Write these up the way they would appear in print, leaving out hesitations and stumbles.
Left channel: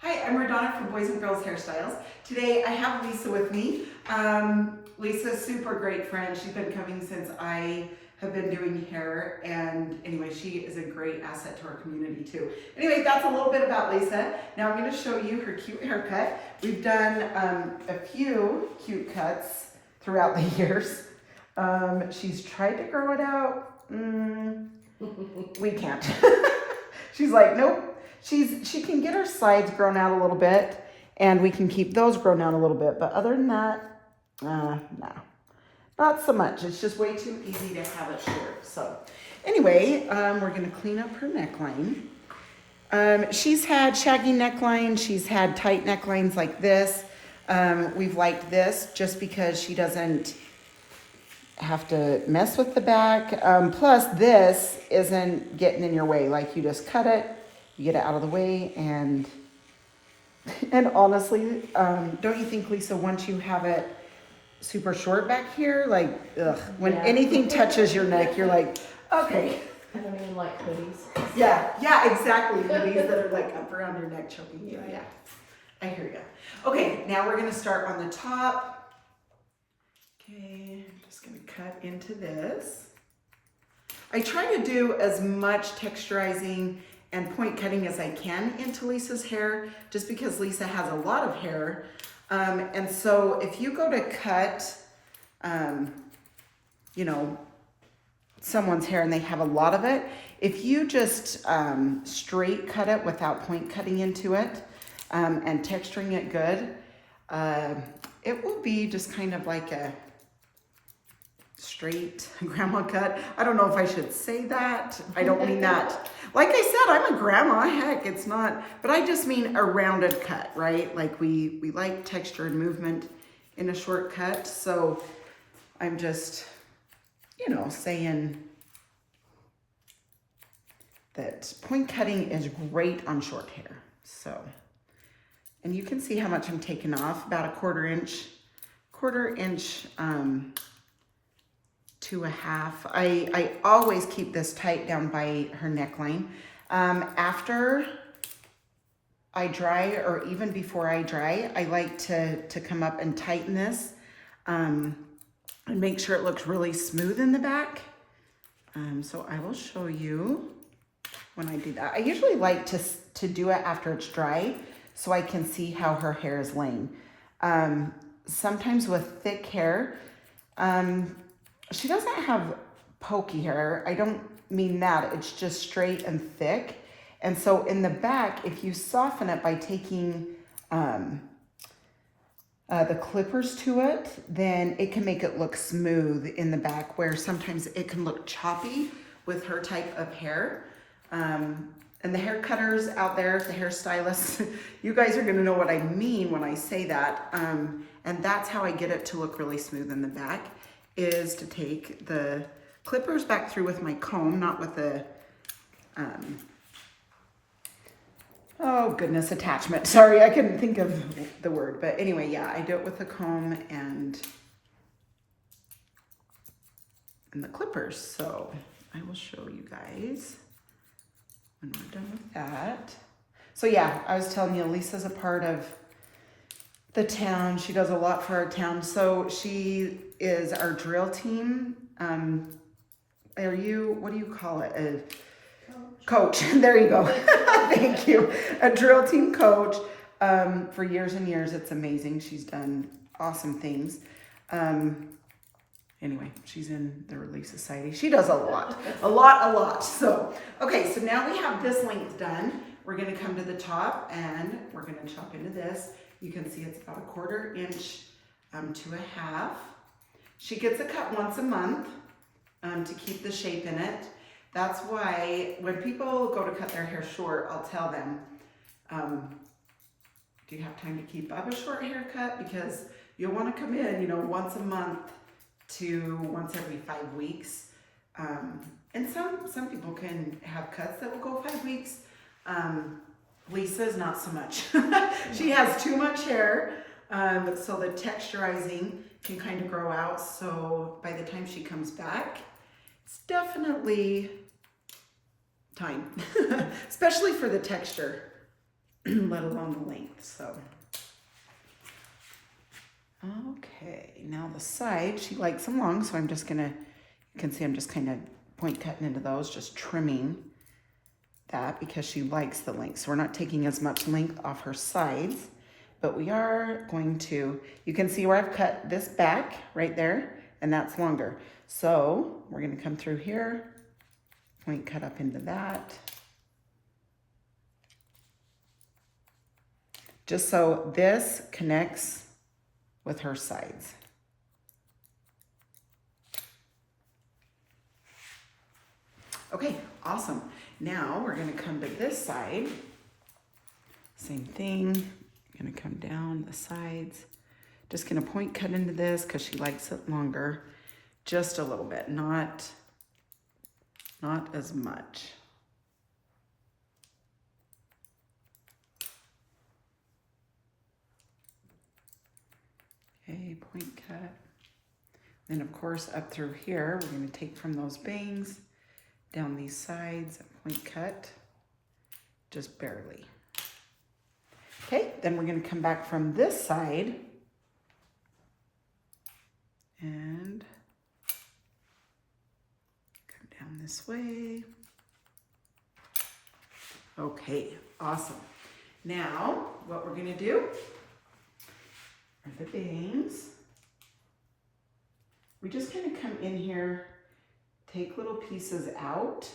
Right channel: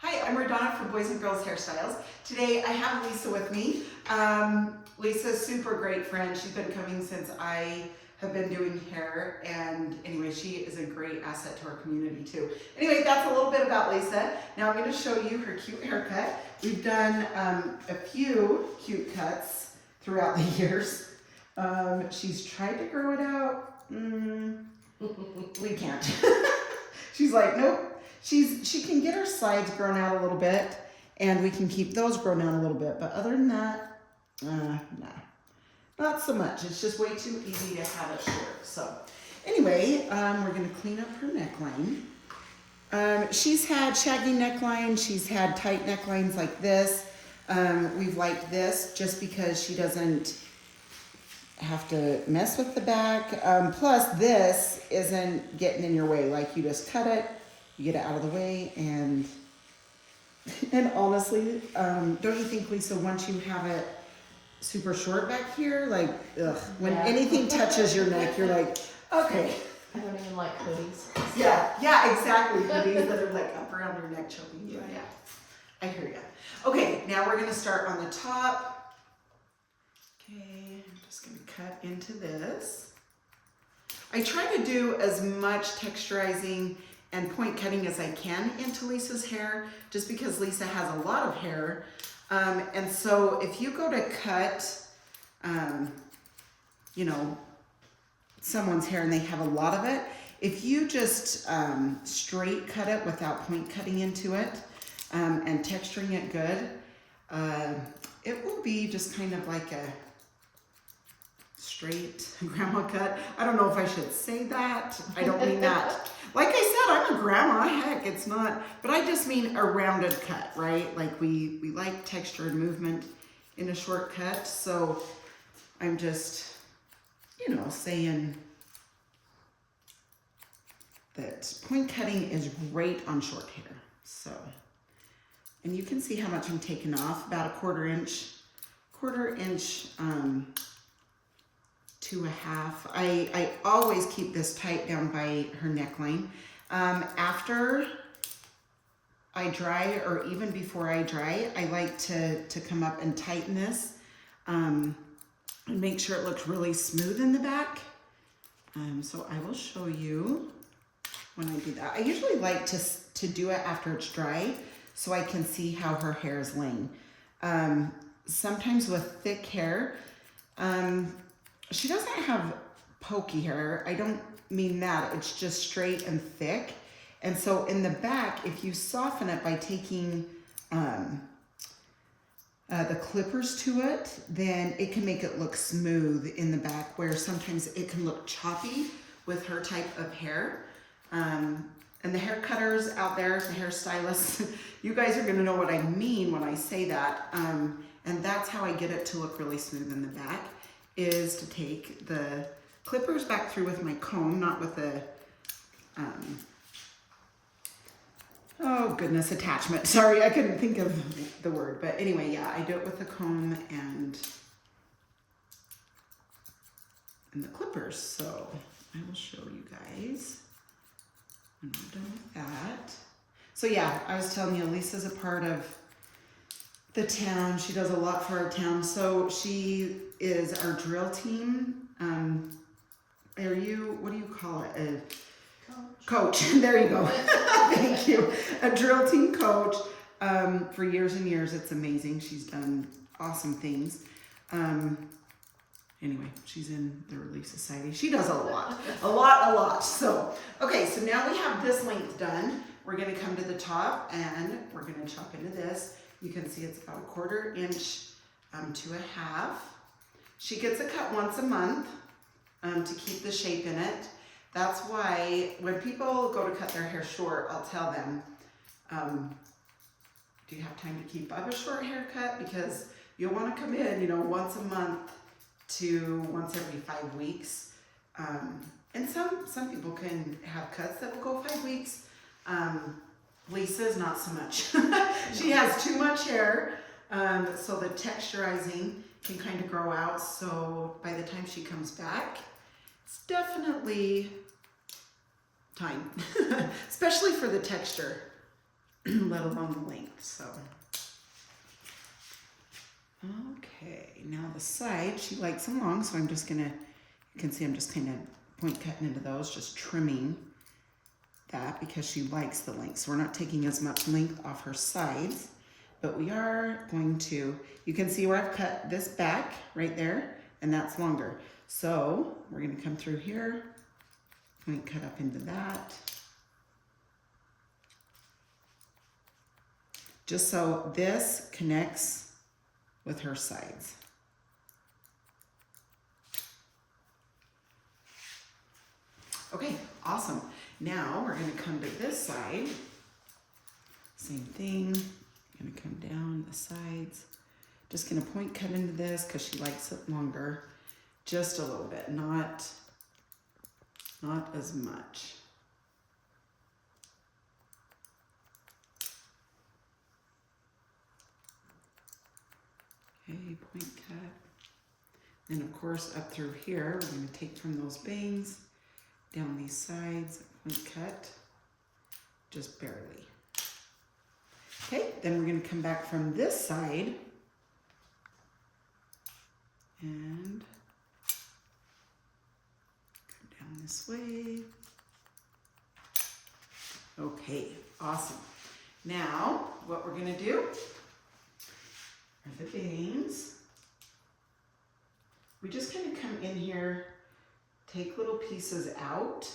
Hi, I'm Radona from Boys and Girls Hairstyles. Today I have Lisa with me. Lisa's a super great friend. She's been coming since I have been doing hair, and anyway, she is a great asset to our community too. Anyway, that's a little bit about Lisa. Now I'm going to show you her cute haircut. We've done a few cute cuts throughout the years. She's tried to grow it out. We can't. She's like, nope. She can get her sides grown out a little bit, and we can keep those grown out a little bit. But other than that, no, not so much. It's just way too easy to have it short. So anyway, we're going to clean up her neckline. She's had shaggy neckline. She's had tight necklines like this. We've liked this just because she doesn't have to mess with the back. Plus, this isn't getting in your way. Like, you just cut it. You get it out of the way, and honestly, don't you think, Lisa, once you have it super short back here, like, ugh, when anything touches your neck, you're like, okay. I don't even like hoodies. Yeah, exactly. Hoodies that are like up around your neck choking you. Yeah, I hear you. Okay, now we're gonna start on the top. Okay, I'm just gonna cut into this. I try to do as much texturizing and point cutting as I can into Lisa's hair, just because Lisa has a lot of hair. And so if you go to cut, you know, someone's hair and they have a lot of it, if you just straight cut it without point cutting into it and texturing it good, it will be just kind of like a straight grandma cut. I don't know if I should say that. I don't mean that. Like I said, I'm a grandma. Heck, it's not. But I just mean a rounded cut, right? Like we like texture and movement in a short cut. So I'm just, you know, saying that point cutting is great on short hair. So, and you can see how much I'm taking off, about a quarter inch to a half. I always keep this tight down by her neckline. After I dry, or even before I dry, I like to come up and tighten this and make sure it looks really smooth in the back. So I will show you when I do that. I usually like to do it after it's dry so I can see how her hair is laying. Sometimes with thick hair, she doesn't have pokey hair. I don't mean that. It's just straight and thick. And so in the back, if you soften it by taking the clippers to it, then it can make it look smooth in the back, where sometimes it can look choppy with her type of hair. And the hair cutters out there, the hairstylists, you guys are gonna know what I mean when I say that. And that's how I get it to look really smooth in the back, is to take the clippers back through with my comb, not with the, oh goodness, attachment. Sorry, I couldn't think of the word. But anyway, yeah, I do it with the comb and the clippers. So I will show you guys when I'm done with that. So yeah, I was telling you, Lisa's a part of the town. She does a lot for our town. So she is our drill team. Are you, what do you call it? A coach. There you go. Thank you. A drill team coach for years and years. It's amazing. She's done awesome things. Anyway, she's in the Relief Society. She does a lot. So, okay, so now we have this length done. We're gonna come to the top and we're gonna chop into this. You can see it's about a quarter inch to a half. She gets a cut once a month to keep the shape in it. That's why when people go to cut their hair short, I'll tell them, do you have time to keep up a short haircut? Because you'll want to come in, you know, once a month to once every 5 weeks. And some people can have cuts that will go 5 weeks. Lisa's not so much. She has too much hair, so the texturizing can kind of grow out. So by the time she comes back, it's definitely time, especially for the texture. let alone the length. So, okay, now the side, she likes them long, so I'm just gonna, you can see I'm just kind of point cutting into those, just trimming that because she likes the length. So we're not taking as much length off her sides, but we are going to, you can see where I've cut this back right there, and that's longer. So we're gonna come through here, point cut up into that. Just so this connects with her sides. Okay, awesome. Now we're gonna come to this side. Same thing, gonna come down the sides. Just gonna point cut into this because she likes it longer. Just a little bit, not as much. Okay, point cut. Then of course up through here, we're gonna take from those bangs down these sides, point cut, just barely. Okay, then we're gonna come back from this side and come down this way. Okay, awesome. Now, what we're gonna do are the bangs. We just kind of come in here, take little pieces out.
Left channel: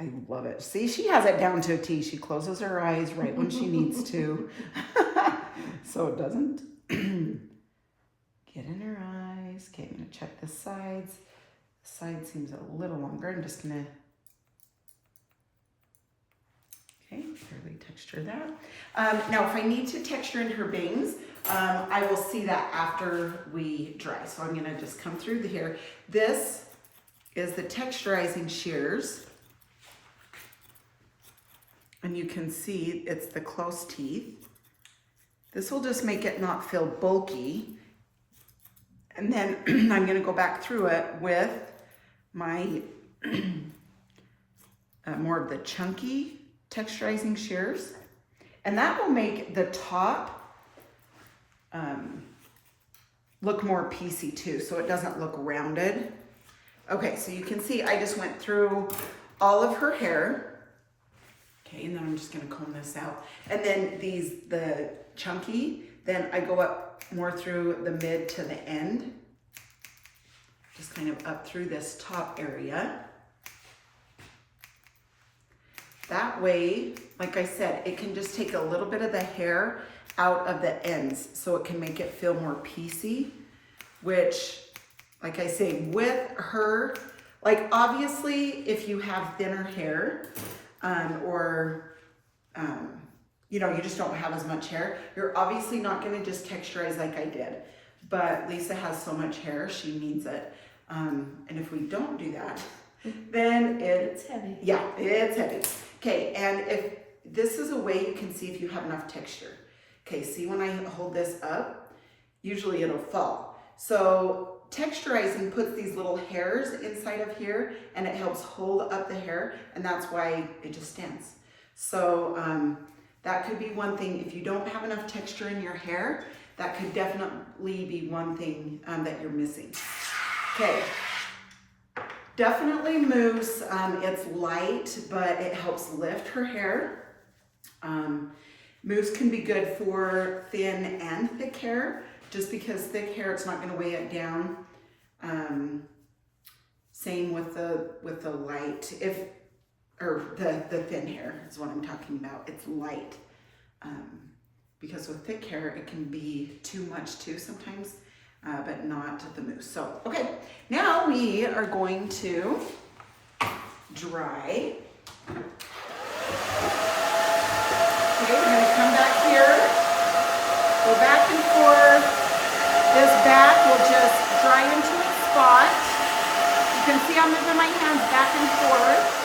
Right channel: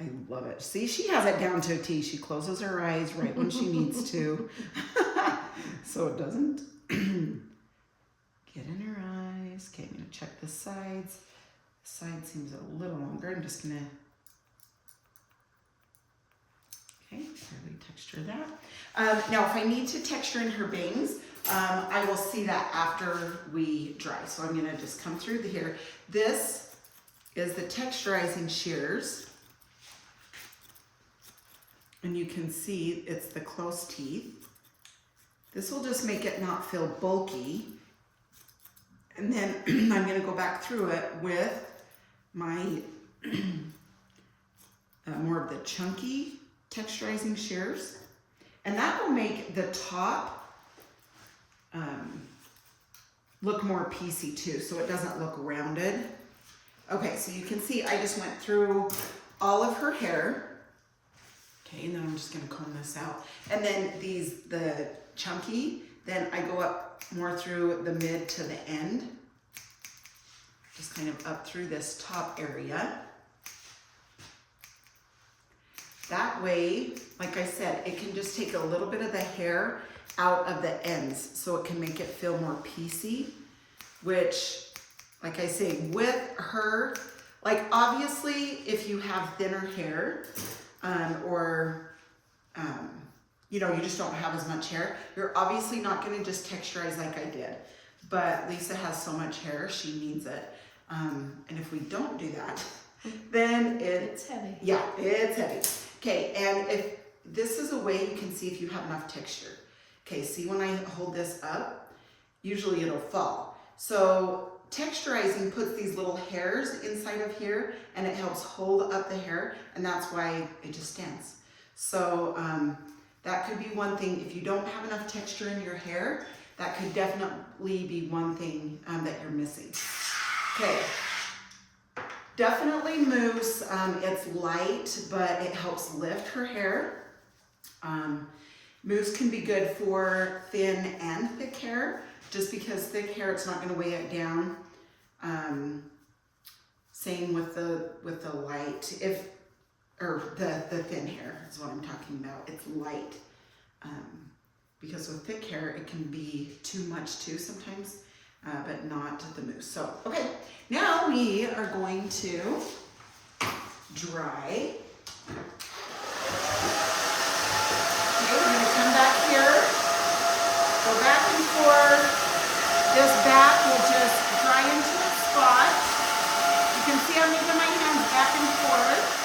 I love it. See, she has it down to a T. She closes her eyes right when she needs to. So it doesn't get in her eyes. Okay, I'm gonna check the sides. The side seems a little longer. I'm just gonna, okay, barely texture that. Now, if I need to texture in her bangs, I will see that after we dry. So I'm gonna just come through the hair. This is the texturizing shears. And you can see it's the close teeth. This will just make it not feel bulky. And then I'm gonna go back through it with my more of the chunky texturizing shears. And that will make the top look more piecey too, so it doesn't look rounded. Okay, so you can see I just went through all of her hair. Okay, and then I'm just gonna comb this out. And then the chunky, then I go up more through the mid to the end. Just kind of up through this top area. That way, like I said, it can just take a little bit of the hair out of the ends so it can make it feel more piecey, which, like I say, with her, like obviously if you have thinner hair, you know, you just don't have as much hair, you're obviously not gonna just texturize like I did. But Lisa has so much hair, she needs it. And if we don't do that, then it's heavy. Yeah, it's heavy. Okay, and if this is a way you can see if you have enough texture. Okay, see when I hold this up, usually it'll fall. So texturizing puts these little hairs inside of here and it helps hold up the hair, and that's why it just stands. So that could be one thing. If you don't have enough texture in your hair, that could definitely be one thing that you're missing. Okay, definitely mousse. It's light, but it helps lift her hair. Mousse can be good for thin and thick hair, just because thick hair, it's not gonna weigh it down. Same with the light, the thin hair is what I'm talking about. It's light. Because with thick hair, it can be too much too sometimes, but not the mousse. So, okay, now we are going to dry. Okay, we're gonna come back here, go back and forth. This back will just dry into its spot. You can see I'm moving my hands back and forth.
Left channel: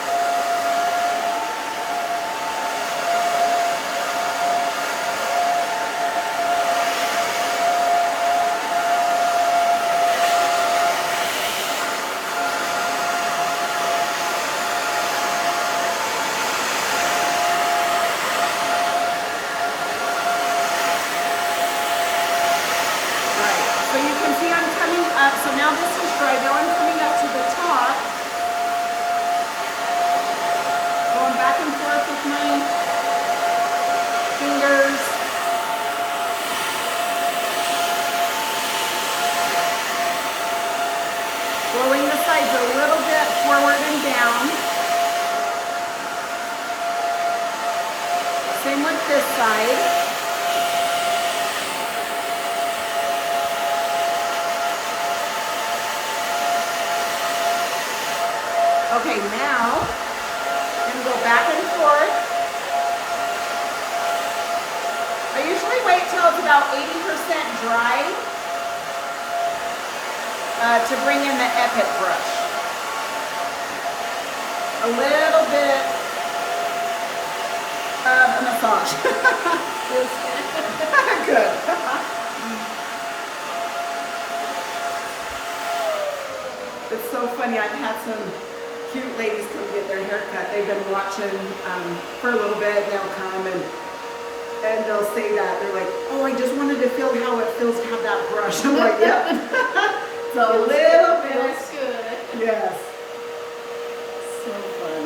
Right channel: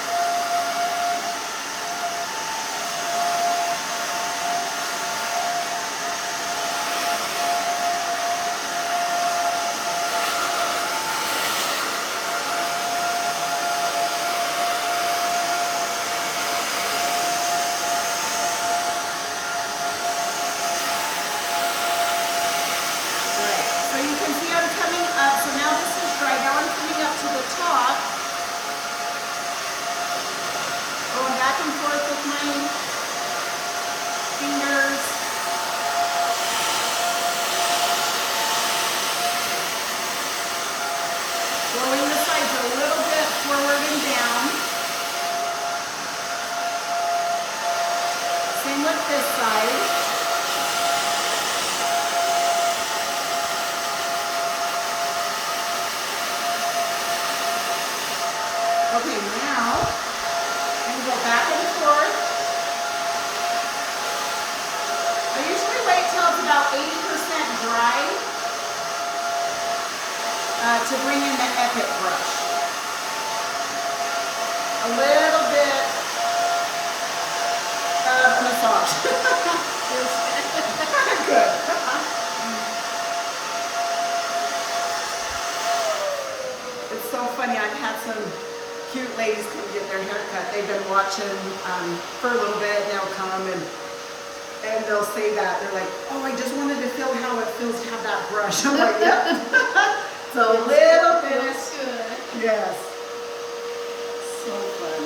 this side. Okay, now I'm going to go back and forth. I usually wait till it's about 80% dry to bring in the Epic brush. A little bit of a massage. Good. It's so funny. I've had some cute ladies come get their hair cut. They've been watching for a little bit. They'll come and they'll say that. They're like, oh, I just wanted to feel how it feels to have that brush. I'm like, yep. It's a little bit. Feels good. Yes. So fun.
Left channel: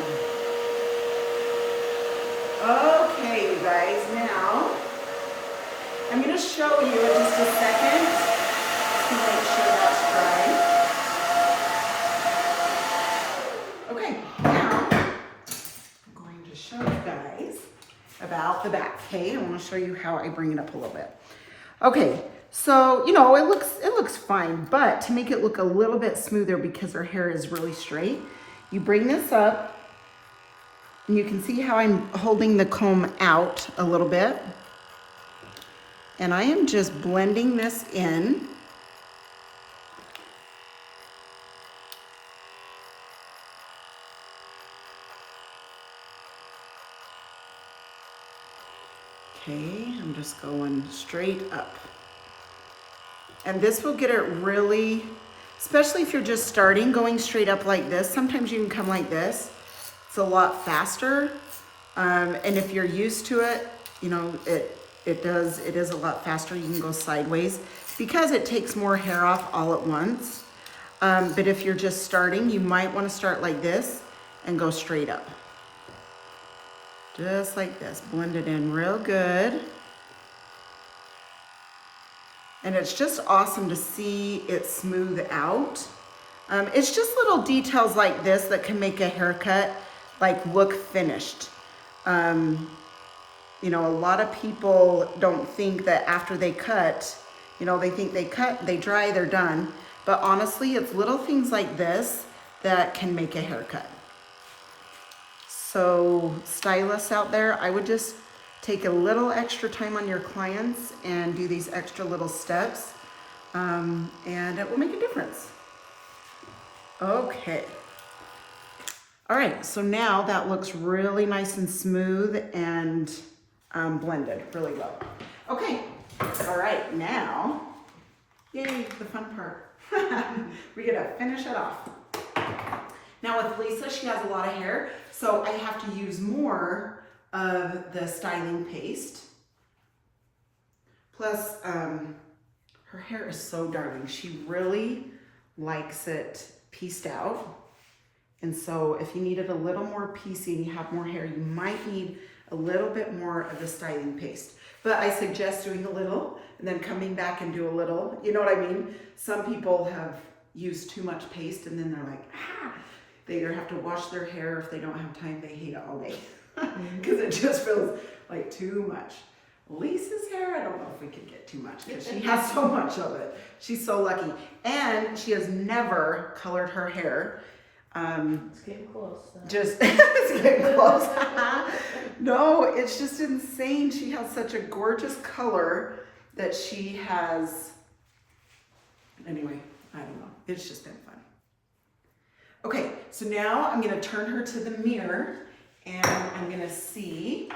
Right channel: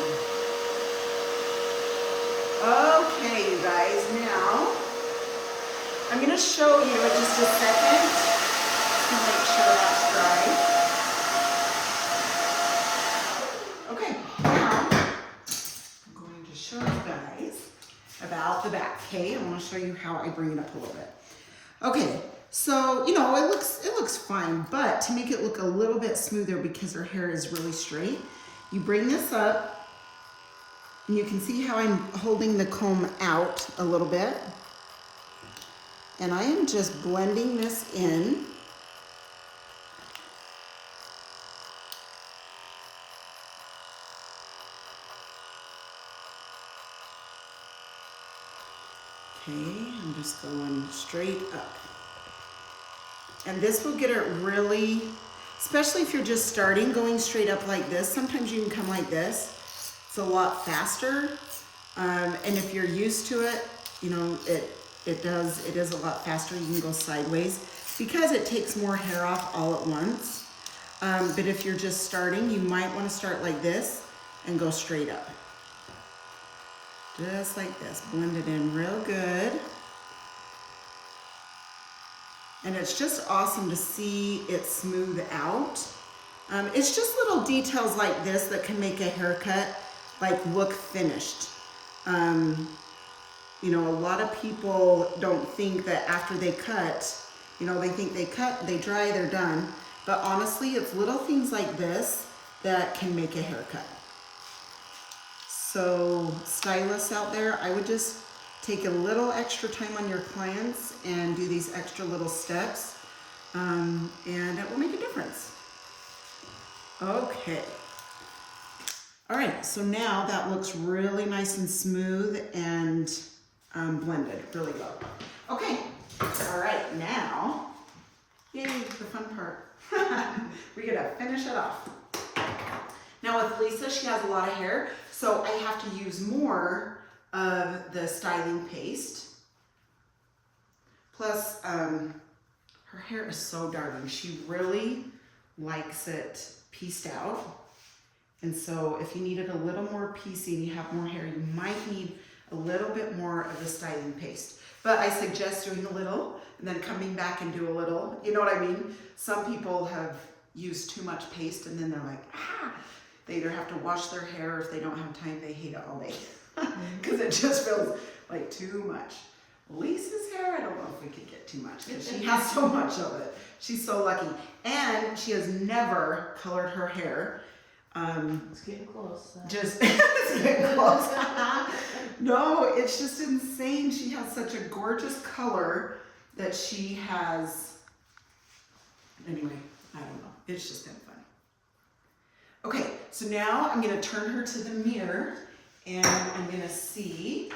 Okay, you guys, now I'm going to show you in just a second to make sure that's dry. Okay, now I'm going to show you guys about the back. Okay, I want to show you how I bring it up a little bit. Okay, so you know it looks fine, but to make it look a little bit smoother because her hair is really straight, you bring this up, and you can see how I'm holding the comb out a little bit, and I am just blending this in. Okay, I'm just going straight up. And this will get it really, especially if you're just starting, going straight up like this. Sometimes you can come like this. It's a lot faster. And if you're used to it, you know, it is a lot faster. You can go sideways because it takes more hair off all at once. But if you're just starting, you might want to start like this and go straight up. Just like this, blend it in real good. And it's just awesome to see it smooth out. It's just little details like this that can make a haircut like look finished. You know, a lot of people don't think that after they cut, you know, they think they cut, they dry, they're done. But honestly, it's little things like this that can make a haircut. So stylists out there, I would just take a little extra time on your clients and do these extra little steps, and it will make a difference. Okay. All right, so now that looks really nice and smooth and blended really well. Okay, all right, now, yay, the fun part. We gotta finish it off. Now with Lisa, she has a lot of hair, so I have to use more of the styling paste. Plus, her hair is so darling. She really likes it pieced out. And so if you needed a little more piecing, you have more hair, you might need a little bit more of the styling paste. But I suggest doing a little and then coming back and do a little. You know what I mean? Some people have used too much paste and then they're like, ah! They either have to wash their hair, or if they don't have time, they hate it all day. Because it just feels like too much. Lisa's hair, I don't know if we could get too much because she has so much of it. She's so lucky. And she has never colored her hair. It's getting close. Just, it's getting close. No, it's just insane. She has such a gorgeous color that she has, anyway, I don't know. It's just been fun. Okay, so now I'm gonna turn her to the mirror and I'm gonna see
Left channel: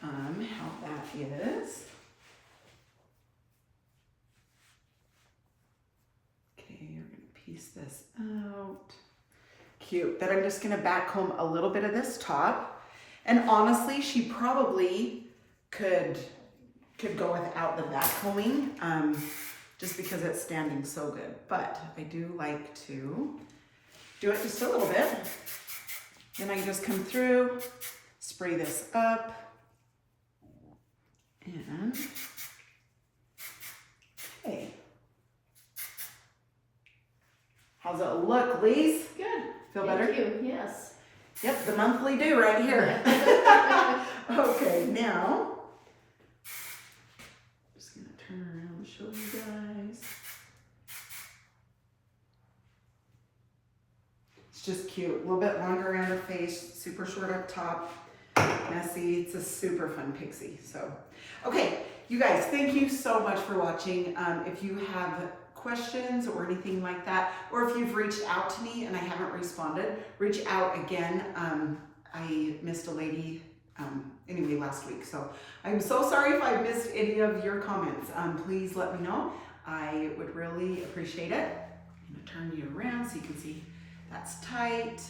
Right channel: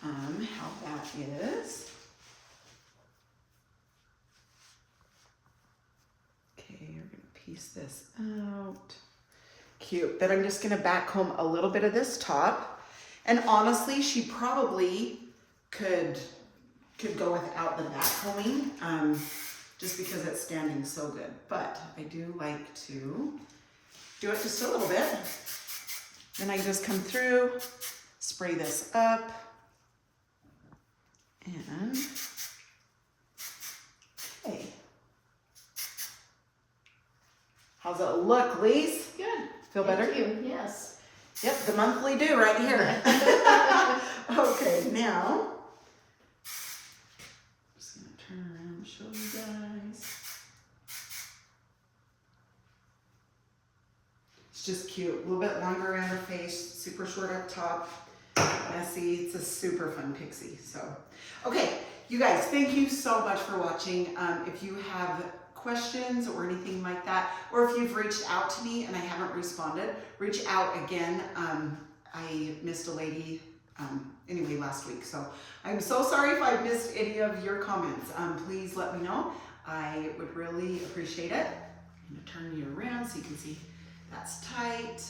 how that is. Okay, you're gonna piece this out. Cute. Then I'm just gonna back comb a little bit of this top. And honestly, she probably could go without the back combing, just because it's standing so good. But I do like to do it just a little bit. Then I just come through, spray this up, and okay. How's it look, Lise? Good. Feel better? Thank you. Yes. Yep, the monthly due right here. Okay, now, just gonna turn around and show you guys. It's just cute, a little bit longer around her face, super short up top, messy. It's a super fun pixie, so. Okay, you guys, thank you so much for watching. If you have questions or anything like that, or if you've reached out to me and I haven't responded, reach out again. I missed a lady anyway last week, so I'm so sorry if I missed any of your comments. Please let me know. I would really appreciate it. I'm gonna turn you around so you can see that's tight.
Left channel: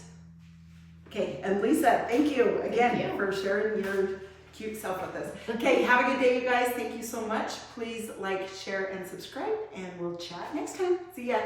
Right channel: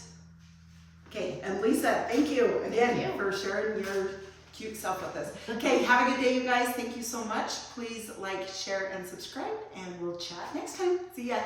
Okay, and Lisa, thank you again for sharing your cute self with us. Okay, have a good day, you guys. Thank you so much. Please like, share, and subscribe, and we'll chat next time. See ya.